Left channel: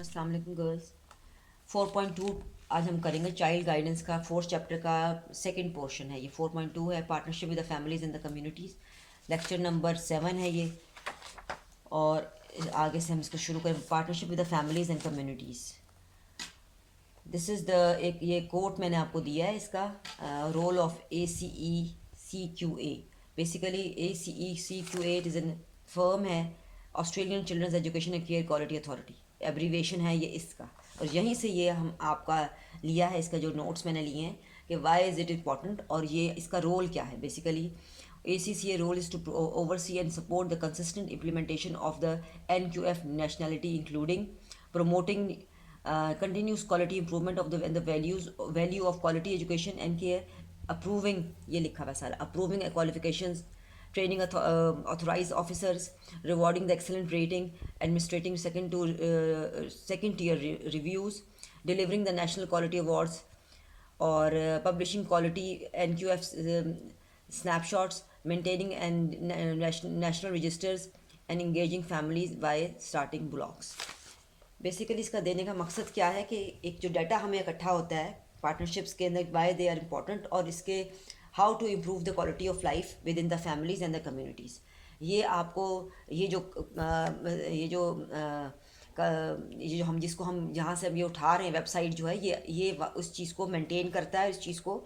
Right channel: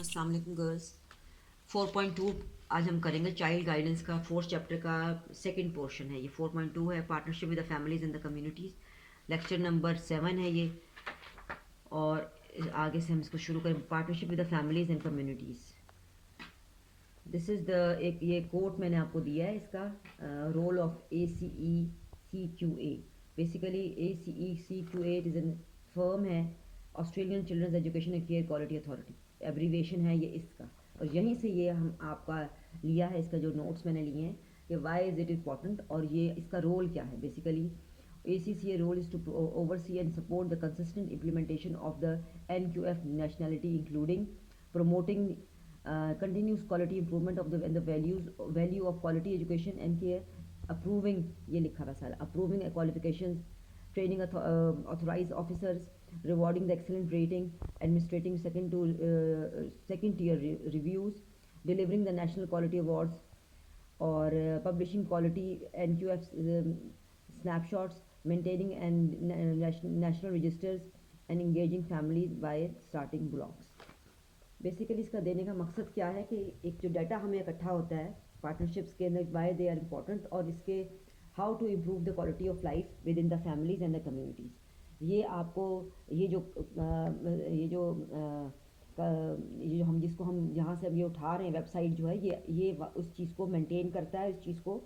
अस्सलाम वालेकुम गर्ल्स। 4.2 आज हम करेंगे चाइल्ड गाइडेंस का 4th चैप्टर का सेकंड पोर्शन है। ये 4.2 है, partnership with the families in the communities. Lecture number 7 है ये, और आगे से हम इसको शुरू करें। Partnership with the families and communities. This is the एक ये कोट मैंने आपको दिया है इसका, role of ACECQA। Basically ACECQA it is an firm है, Australian children's education and care quality authority, abbreviation है ये इसका। और यहीं से ये हम आपका लिया है, इसका जो नोट्स मैंने लिए हैं कि वाई इज़ इट इम्पॉर्टेंट और ये इसका रोल क्या है। Basically ACCA role is to oversee and support the consistent implementation of the NQF nationality, including promoting continuous quality improvement of the value of quality education and care, approving ये लिखा हुआ सारा, approving qualifications, training authorized officers, rewarding the excellent rating, administrating second tier reviews, delivering the national quality awards, or publishing quality NQF snapshots, maintaining and national registers, and engaging families by starting blogs. Basically इसका देने का मकसद क्या है कि एक जो data हमें इकट्ठा होता है पार्टनरशिप्स के अंदर, वाई दे आर इम्पॉर्टेंट, और इसके how to improve the quality of life within the families and the communities. ये आपको ये जो हम जिसको हम जहाँ से अभी उठा रहे हैं वेबसाइट जो है, ये उस चीज़ को मेंटेन करता है, इस चीज़ को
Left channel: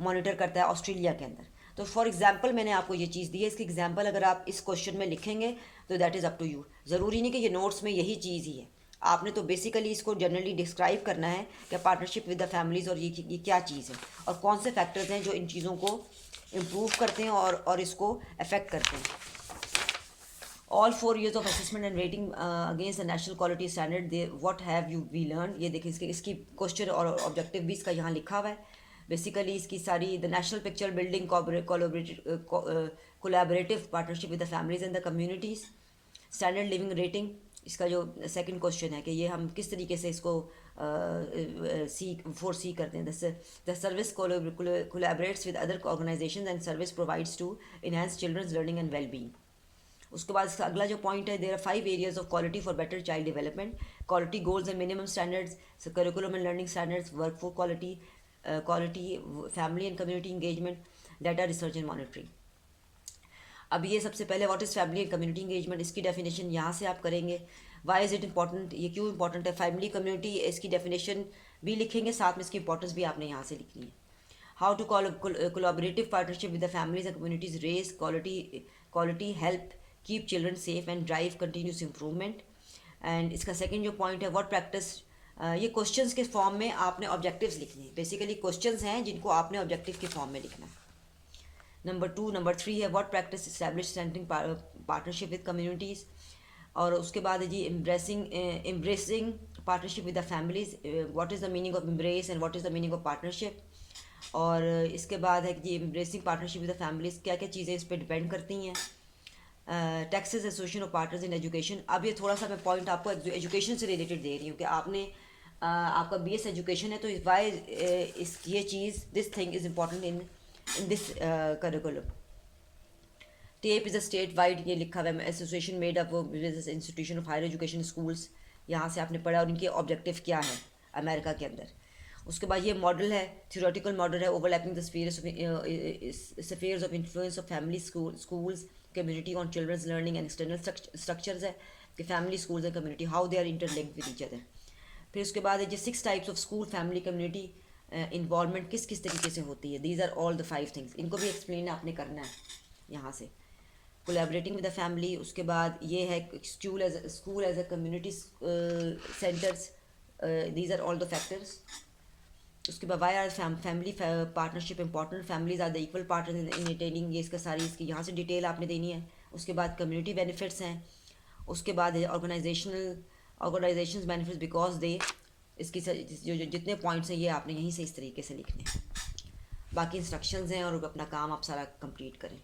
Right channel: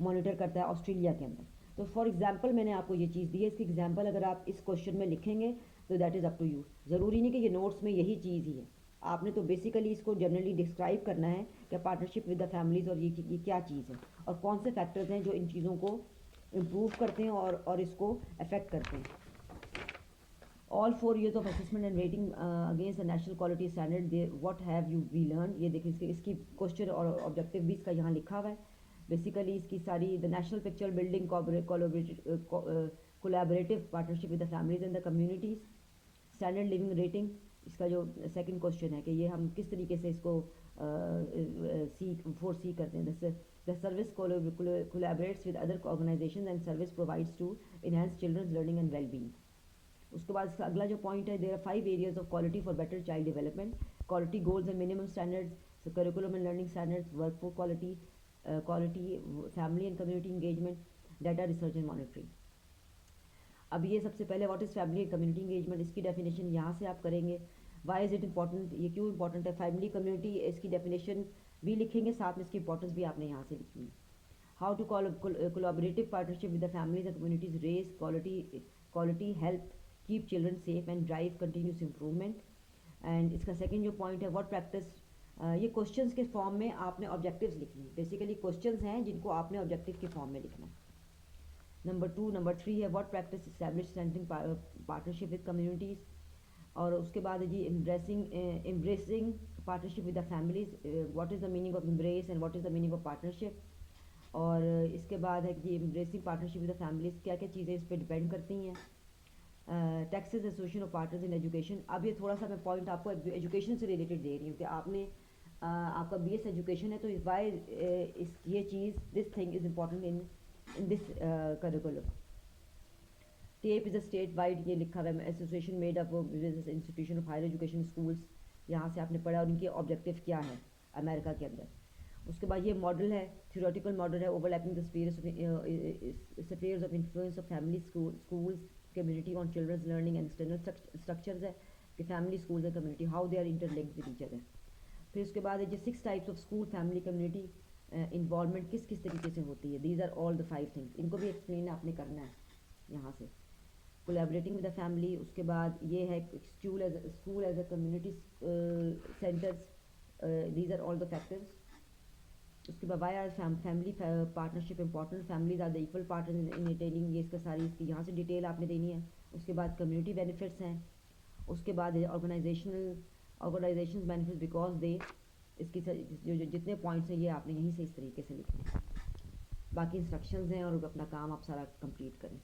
मॉनिटर करता है ऑस्ट्रेलिया के अंदर। तो फॉर एग्जांपल मैंने आपको ये चीज़ दी है, इसकी एग्जांपल अगर आप इस क्वेश्चन में लिखेंगे तो that is up to you. ज़रूरी नहीं कि ये नोट्स में यही चीज़ ही है, आपने तो बेसिकली इसको जनरली डिस्क्राइब करना है कि पार्टनरशिप विद द फैमिलीज़ और ये क्या चीज़ है और कौन से फैक्टर्स हैं जो इन चीज़ों को इम्प्रूव करते हैं और इसको अफेक्ट करते हैं। All 4 years of assessment and rating against the national quality standard, what have you we learned। ये देखिए इसकी क्वेश्चन और ऑब्जेक्टिव भी इसका यहाँ लिखा हुआ है। बेसिकली इसकी सारी the national picture building collaborative partnership with the families and the communities, standard living rating. इसका जो सेकंड क्वेश्चन है कि ये हम किस तरीके से इसको सी करते हैं। The service collaborates with other organisations and service provides to enhance children's learning and wellbeing. उसके बाद इसका अगला जो पॉइंट है, there are 5 areas of quality for better child development, quality goals and minimum standards, curriculum and learning standards, work for quality, family and community engagement, data research and monitoring. अब ये सबसे पहले what is family and community engagement, इसकी definition यहाँ से आप करेंगे। Y is it important, ये क्यों इंपॉर्टेंट है। फैमिली कम्युनिटी, इसकी डेफिनेशन भी लिखेंगे, साथ में इसकी इंपॉर्टेंस भी आपने यहाँ से लिखनी है। How to collaborative partnership with the families and communities raise quality help keep children safe and drive continuous improvement. And इसका सेकंड जो पॉइंट है, व्हाट प्रैक्टिस, ये क्वेश्चंस के फॉर्म में आपने ऑब्जेक्टिव्स लिखने हैं। बेसिकली क्वेश्चंस हैं जिनको आपने ऑब्जेक्टिव के फॉर्म में लिखना है। नंबर 3 है what practice establish centring partnership with communities. और उसके बाद है जी embracing partnership with the families, what is the meaning of embrace and what is the meaning of partnership. और इसके बाद है कि embracing partnership with the families, क्या क्या चीज़ें इस पर डिपेंड करती हैं। Texas association of partners in education. अब ये थोड़ा सा मैं पॉइंट आपको एजुकेशन से रिलेटेड दे रही हूँ कि आपने आपका BS एजुकेशन है, तो वाई ये चीज़ this thing is important in this curriculum. TAPE is a state wide, ये लिखा हुआ है, association made up business institution of higher education schools, यहाँ से आपने पढ़ा और इनके ऑब्जेक्टिव क्या है अमेरिका के अंदर। उसके बाद ये मॉडल है, थ्योरेटिकल मॉडल है, overlapping the spheres of influence of family schools community on children's learning and external structures है कि family schools and community how they are interlinked with each other. फिर उसके बाद है जो 6 types of school family community involvement किस किस तरीके से होती है। These are all the 5 things, इनको भी एक्सप्लेन आपने करना है यहाँ से। कोलैबोरेटिंग विद द फैमिली, उसके बाद ये है school as a community centres, these are all the factors. उसके बाद why are family partnership important, families are the equal partner in attaining, ये इसका सारी इसकी यहाँ से डिटेल आपने देनी है। उसके बाद कम्युनिटी बेनिफिट्स हैं। उसके बाद ऑर्गेनाइजेशंस बेनिफिट्स बिकॉज दे, इसकी जो जितने पॉइंट्स हैं ये आपने यहीं से इस तरीके से लिखने हैं। बाकी इंस्ट्रक्शंस हैं और अपना काम आप सारा कंप्लीट करें।